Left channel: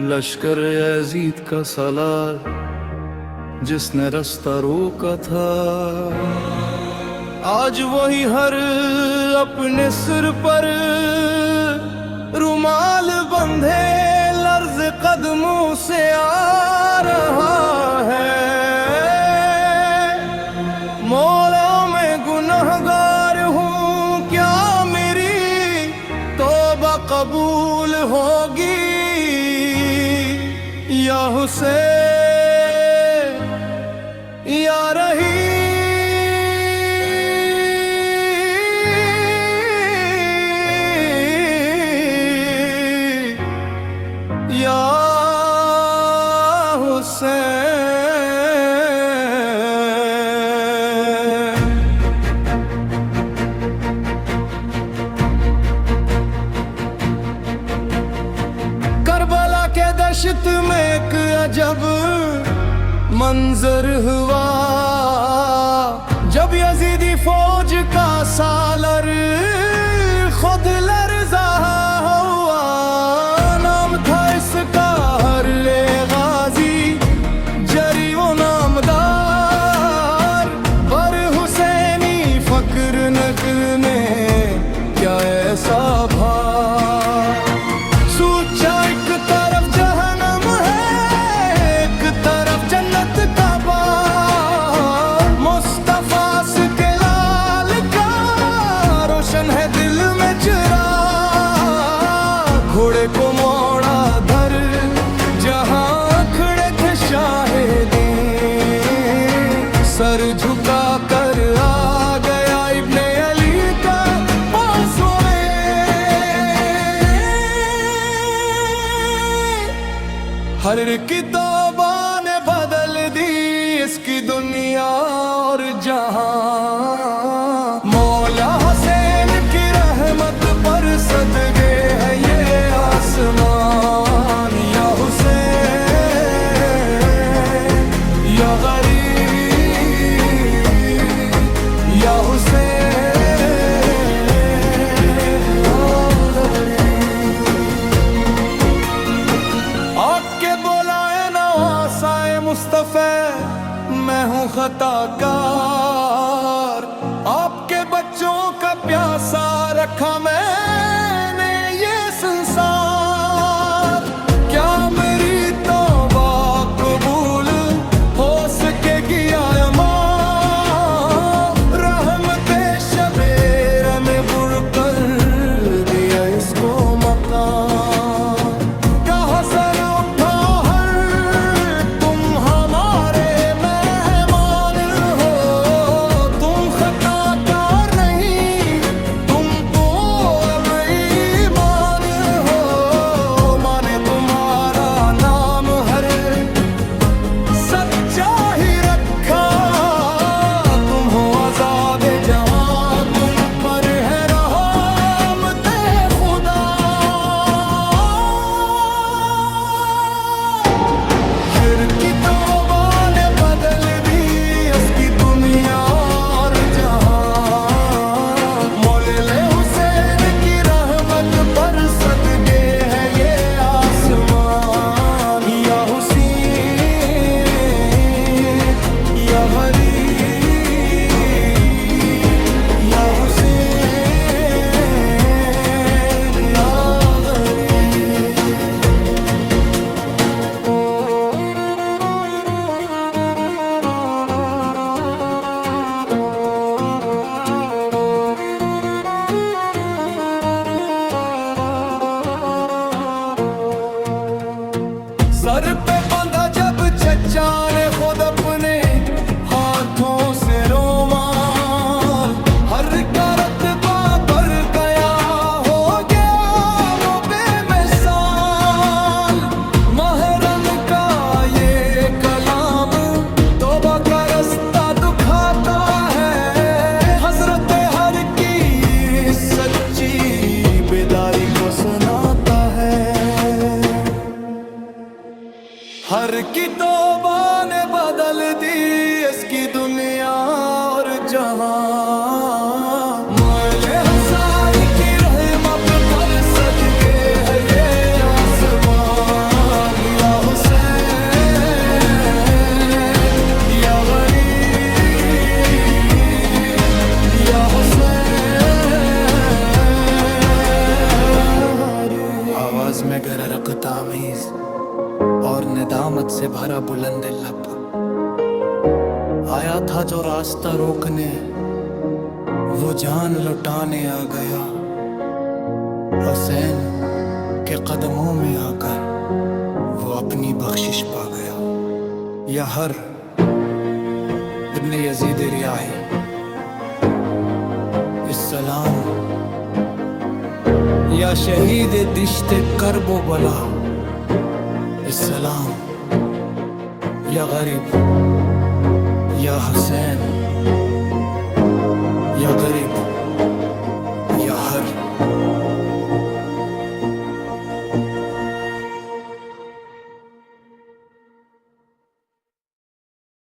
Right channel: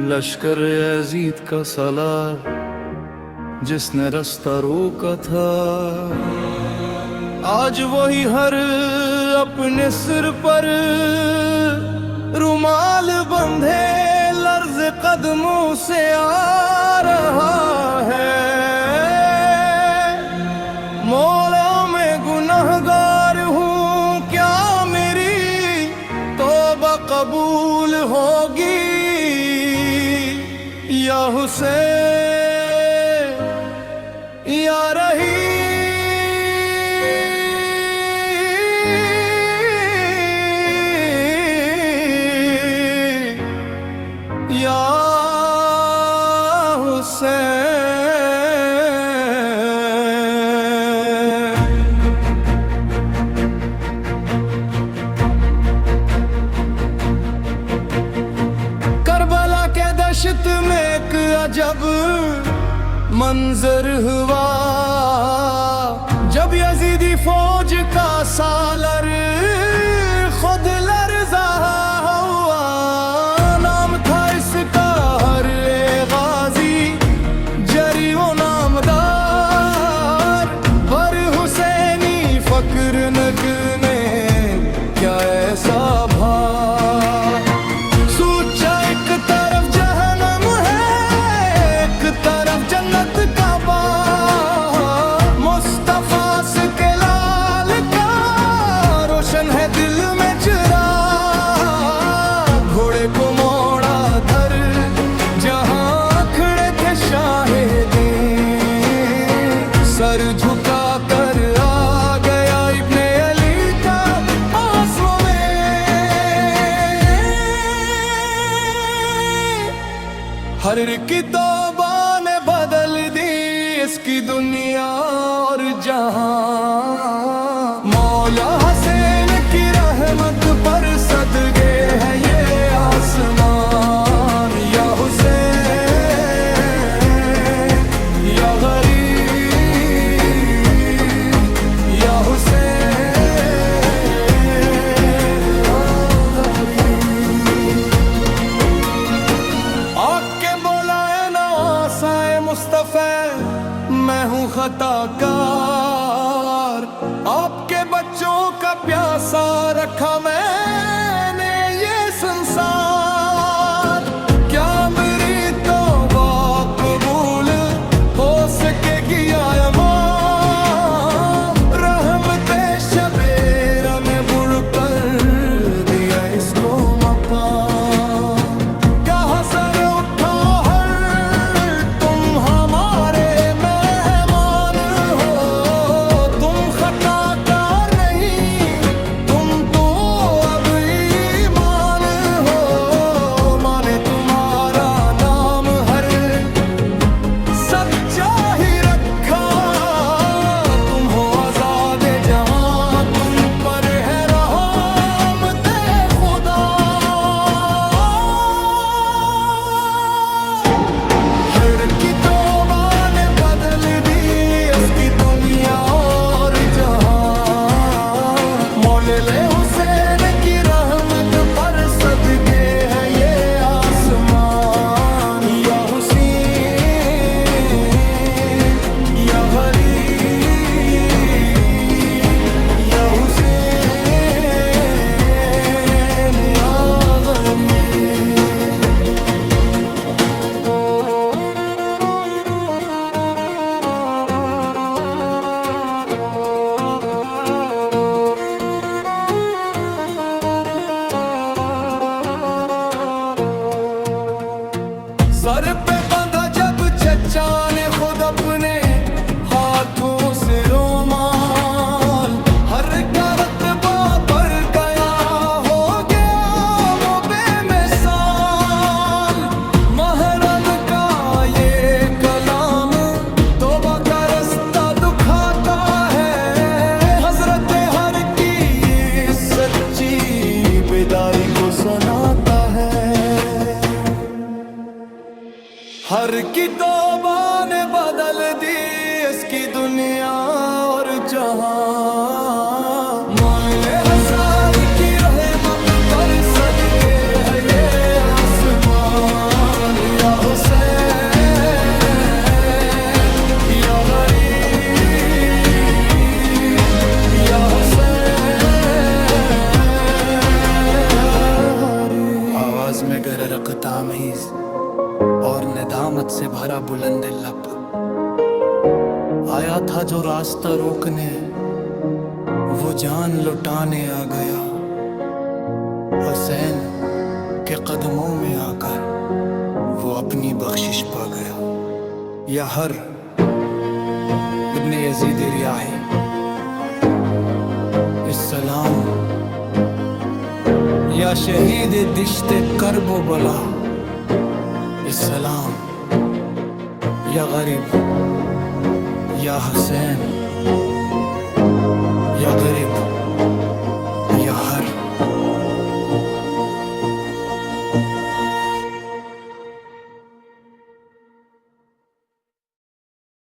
लश्कर Yazid का सालार जिसने रास्ता रोका था, आज वही हर अपने सिर पर रुमाल बंधे लर्ज कदमों से आ रहा है। मौला मैं गुनहगार हूँ, क्या मेरी तौबा कबूल होगी? या हुसैन या रही या हुसैन। करबला के दश्त में एक अजब मंजर हुआ, जब यजीदी फौज का सालर खुद लर्ज़ा हुआ। नाम था इसका हर गाजी जरी वो नामदार, बर हुसैनी फक्र नकने क्या ऐसा भार। सूचा एक तरफ जहन्नम है, एक तरफ जन्नत का बार। मुस्तफा के लाल का रोशन है दिल में चिराग। घोड़े को मोड़ा धर जहां खड़े थे शाहिदे, सर झुका कर आ गया इब्ने अली का पासों में। हर की तौबा ने बदल दी इसकी दुनिया और जहां। मौला हुसैन की रहमत पर सदके है ये आसमान। या हुसैन या गरीब, या हुसैन या गरीब। आके बोला है नवासाए मुस्तफा, मैं हूँ खताकार। आपके बच्चों का प्यासा रखा मैंने ये संसार। क्या मेरी तौबा कबूल हो सकेगी या इमाम? रहमते शबेर में बुड़ कर दिया इसको मकाम। कहाँ सर उठा हर तुम हमारे मेहमान हो। तुम खताकार नहीं, तुम तो अब ईमान हो। माने तुम्हारा नाम हर सच्चा ही रखा। तुम हो आजाद जहां, तुम पर है रहमते खुदा। फिर की तौबा ने बदल दी उसकी दुनिया और जहां। मौले हुसैन की रहमत पर सदके है ये आसमान। या हुसैन या गरीब, या हुसैन या गरीब। सर पे बांधा जब चचा ने खुद अपने हाथों से रोमाल। हर का रत्बा बढ़ गया, हो गया वो बेमिसाल। महरम का ये कलाम तौबा का रास्ता दुखाता है। हजरत हर की सच्ची बेदारी को सुनाता है। हर की तौबा ने बदल दी इसकी दुनिया और जहां। मौले हुसैन की रहमत पर सदके है ये आसमान। में गर्क तामीज़ और निदामत से भरा बुलंद लब। आया था जो रास्ता रोकने, वो जान लुटाने आ गया। हुसैन के कदमों में आकर वो अपनी बख्शिश पा गया। या हर इब्ने यजीद रियाही, इस्सलाम। या शहीद दिश्ते करबो बला, इस्सलाम। या गरीब, या हुसैन, या गरीब, या हर।